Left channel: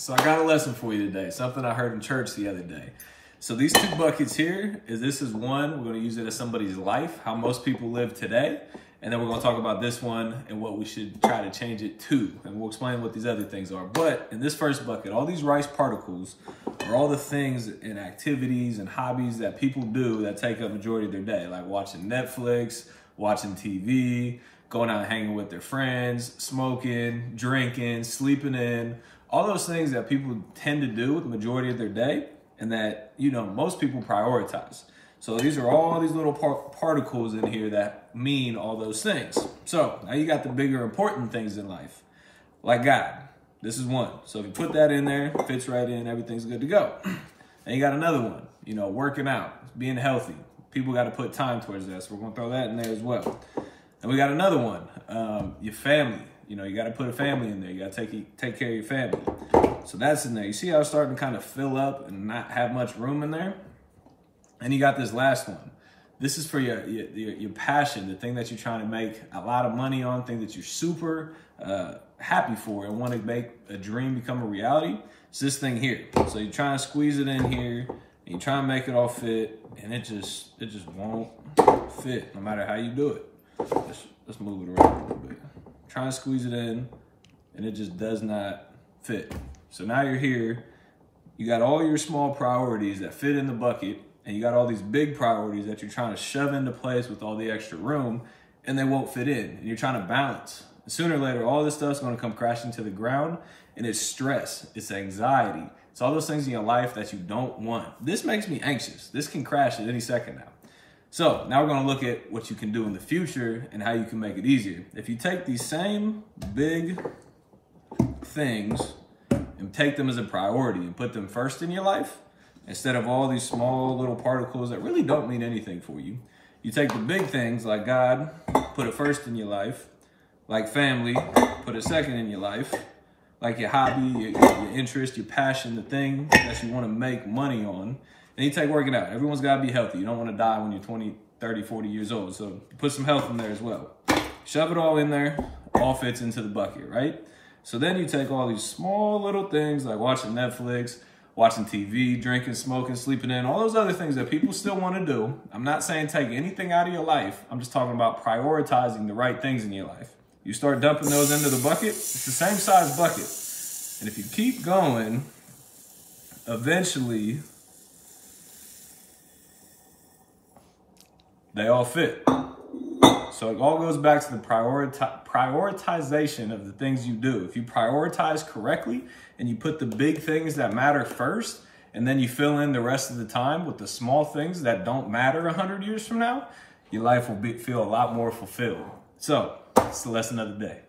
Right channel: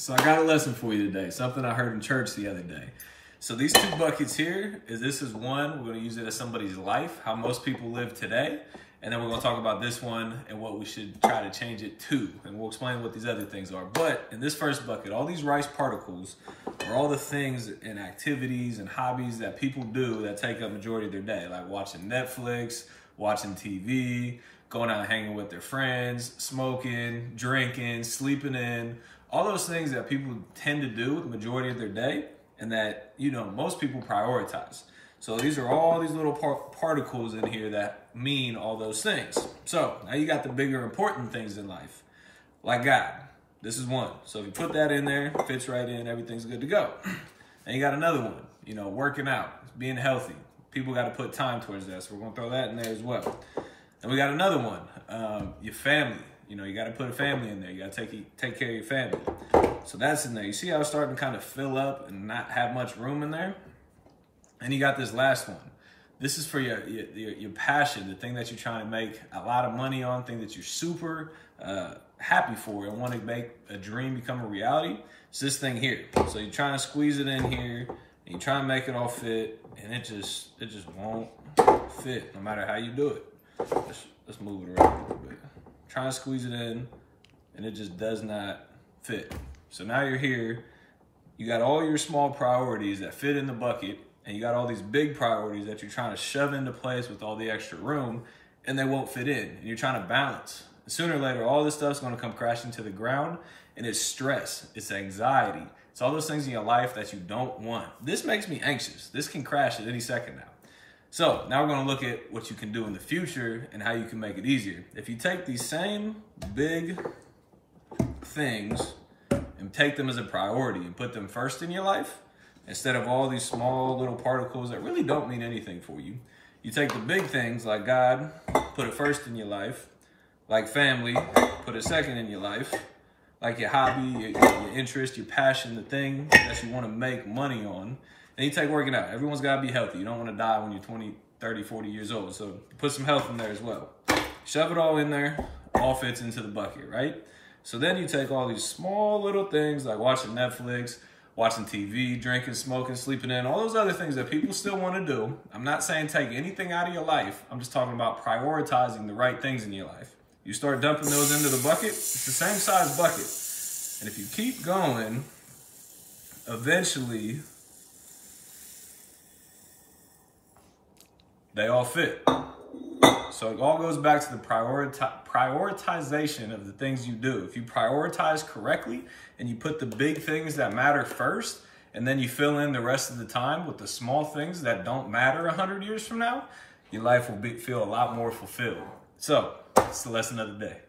So I got a lesson for you today, something I heard in church the other day. So these two buckets here, this is one, we're gonna use it as somebody's life, how most people live today. And then we're gonna talk about this one and what we should try to change it to. And we'll explain what these other things are. But in this first bucket, all these rice particles are all the things and activities and hobbies that people do that take up majority of their day, like watching Netflix, watching TV, going out and hanging with their friends, smoking, drinking, sleeping in, all those things that people tend to do the majority of their day and that, you know, most people prioritize. So these are all these little particles in here that mean all those things. So now you got the bigger important things in life, like God. This is one. So if you put that in there, fits right in, everything's good to go. And you got another one, you know, working out, being healthy. People got to put time towards that. So we're going to throw that in there as well. And we got another one, your family. You know, you got to put a family in there. You got to take care of your family. So that's in there. You see how it's starting to kind of fill up and not have much room in there? And you got this last one. This is for your passion, the thing that you're trying to make a lot of money on, thing that you're super happy for and want to make a dream become a reality. It's this thing here. So you're trying to squeeze it in here, and you're trying to make it all fit, and it just won't fit no matter how you do it. Let's move it around a little bit. Trying to squeeze it in, and it just does not fit. So now you're here, you got all your small priorities that fit in the bucket, and you got all these big priorities that you're trying to shove into place with all the extra room, and they won't fit in, and you're trying to balance. And sooner or later, all this stuff's gonna come crashing to the ground, and it's stress, it's anxiety, it's all those things in your life that you don't want. This makes me anxious. This can crash at any second now. So now we're gonna look at what you can do in the future and how you can make it easier. If you take these same big things and take them as a priority and put them first in your life, instead of all these small little particles that really don't mean anything for you, you take the big things like God, put it first in your life, like family, put it second in your life, like your hobby, your interest, your passion, the thing that you wanna make money on. And you take working out. Everyone's gotta be healthy. You don't wanna die when you're 20, 30, 40 years old. So put some health in there as well. Shove it all in there, all fits into the bucket, right? So then you take all these small little things like watching Netflix, watching TV, drinking, smoking, sleeping in, all those other things that people still wanna do. I'm not saying take anything out of your life. I'm just talking about prioritizing the right things in your life. You start dumping those into the bucket, it's the same size bucket. And if you keep going, eventually, they all fit. So it all goes back to the prioritization of the things you do. If you prioritize correctly and you put the big things that matter first, and then you fill in the rest of the time with the small things that don't matter 100 years from now, your life will feel a lot more fulfilled. So, it's the lesson of the day.